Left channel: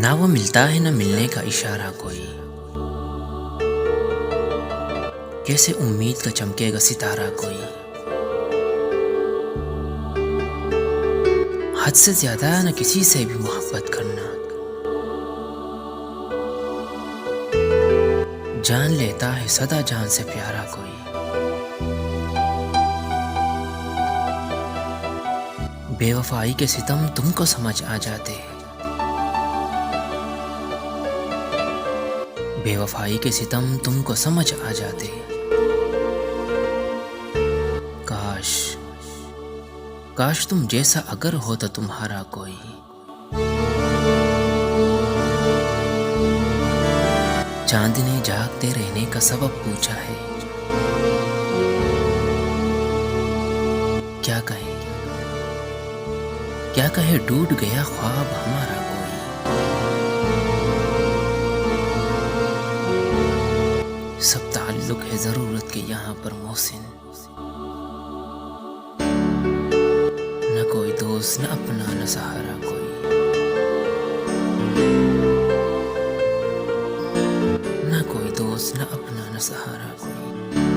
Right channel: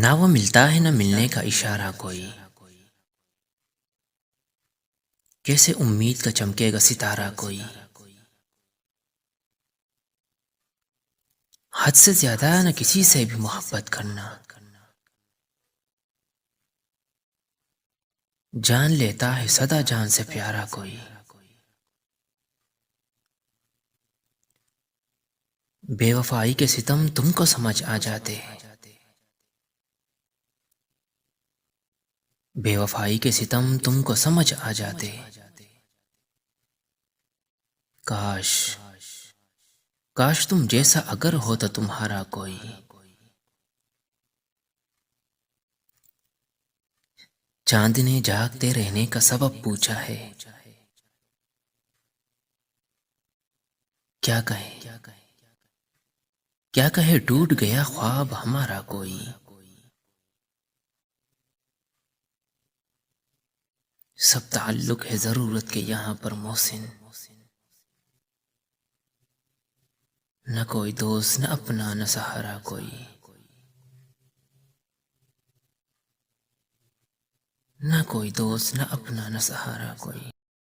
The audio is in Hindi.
ना वो मिलता है ना मिलने का इशारा कोई, कैसे उम्मीद का चमकेगा सितारा कोई। हद से ज्यादा न किसी से भी मोहब्बत करना, जान लेता है सदा जान से प्यारा कोई। बेवफाई के सितम तुमको समझ आ जाते, बेवफाई के सितम तुमको समझ आ जाते। काश काश तुम जैसा अगर होता तुम्हारा कोई, चांद ने जागते रहने का सबब पूछा है। क्या कहे क्या कहे टूट गया ख्वाब हमारा कोई। सब ताल्लुक है जरूरत के यहाँ पर मोहसिन, न कोई दोस्त न अपना न सहारा कोई। न कोई दोस्त न अपना न सहारा कोई।